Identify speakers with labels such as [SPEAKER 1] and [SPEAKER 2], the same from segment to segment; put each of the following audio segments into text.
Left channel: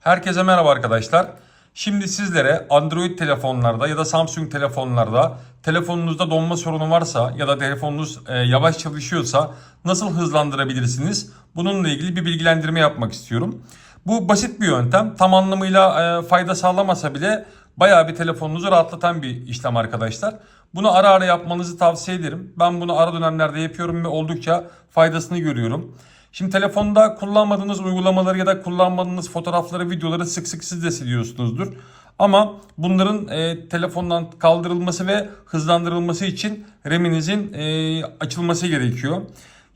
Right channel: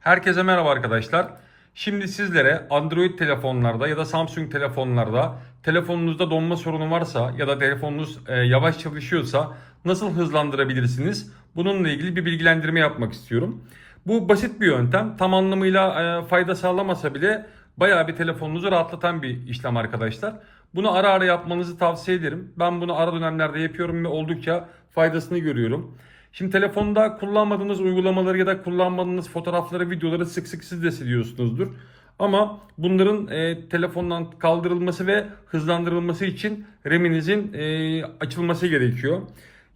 [SPEAKER 1] Herkese merhaba arkadaşlar. Şimdi sizlere Android telefonlarda ya da Samsung telefonlarda telefonunuzda donma sorunu varsa ya da telefonunuz e, yavaş çalışıyorsa nasıl hızlandırabilirsiniz? Bununla ilgili bir bilgilendirme yapmak istiyorum. Bu basit bir yöntem. Tam anlamıyla e, fayda sağlamasa bile bayağı bir telefonunuzu rahatlatan bir işlem arkadaşlar. Bunu ara ara yapmanızı tavsiye ederim. Ben bunu ara dönemlerde yapıyorum ve oldukça faydasını görüyorum. Şimdi telefonda kullanmadığınız uygulamaları ya da kullanmadığınız fotoğrafları, videoları sık sık siz de siliyorsunuzdur. Ama bunların e, telefondan kaldırılması ve hızlandırılması için RAM'inizin e, açılması gerekiyor.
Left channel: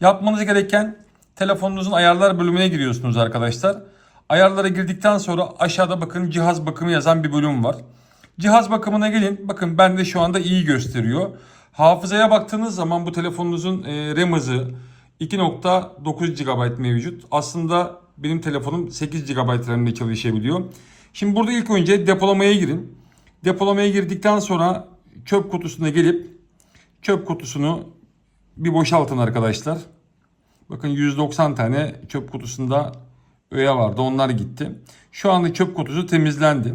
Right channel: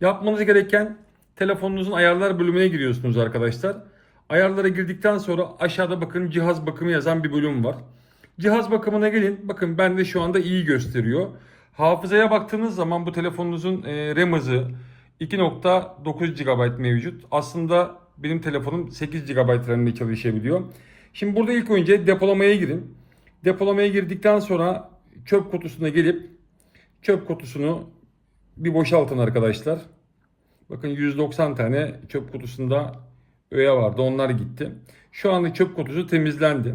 [SPEAKER 1] Yapmanız gereken telefonunuzun ayarlar bölümüne giriyorsunuz arkadaşlar. Ayarlara girdikten sonra aşağıda bakın cihaz bakımı yazan bir bölüm var. Cihaz bakımına gelin. Bakın bende şu anda iyi gösteriyor. Hafızaya baktığınız zaman bu telefonunuzun e, RAM hızı 2.9 GB mevcut. Aslında benim telefonum 8 GB RAM ile çalışabiliyor. Şimdi burada ilk önce depolamaya girin. Depolamaya girdikten sonra çöp kutusuna gelip çöp kutusunu bir boşaltın arkadaşlar. Bakın 190 tane çöp kutusunda öğe vardı. Onlar gitti. Şu anda çöp kutusu temizlendi.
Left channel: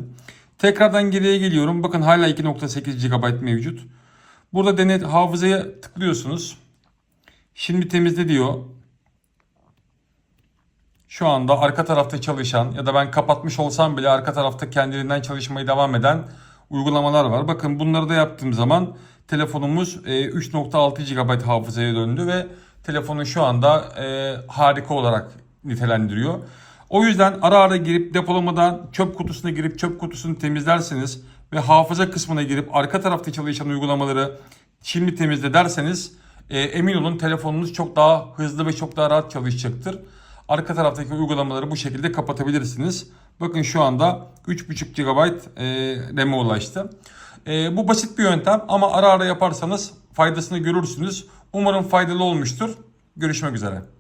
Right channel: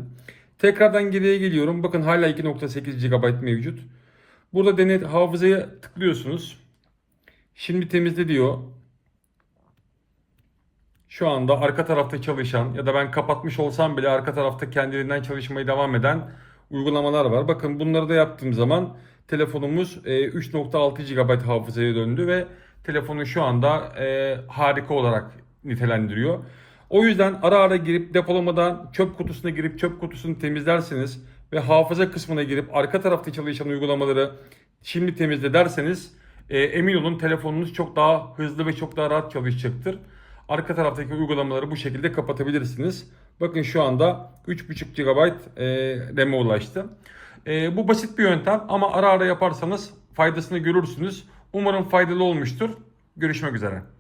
[SPEAKER 1] Tekrardan geriye geliyorum. Bakın hala 2.8 GB mevcut. Burada denet hafızaya tıklıyorsunuz. Şimdi temizle diyor. Şu anda arka tarafta çalışan ya da ben kapatmış olsam bile arka tarafta kendiliğinden çalışmaya devam eden uygulamalar var. Bakın bunları da yaptığım zaman telefonumuz e, 3.6 GB hafızaya döndü ve telefonu şu anda e, harika olarak nitelendiriyor. O yüzden ara ara girip depolamadan çöp kutusuna girip çöp kutusunu temizlerseniz ve hafıza kısmına girip arka tarafta çalışan uygulamaları şimdi temizle derseniz e, emin olun telefonunuz çok daha hızlı ve çok daha rahat çalışacaktır. Arka taraftaki uygulamaları bu şekilde kapatabilirsiniz. Bakın şu anda 3.5 GB e, RAM'e ulaştı. E, bu basit bir yöntem ama ara ara yaparsanız faydasını görürsünüz. Umarım faydalı olmuştur. Görüşmek üzere.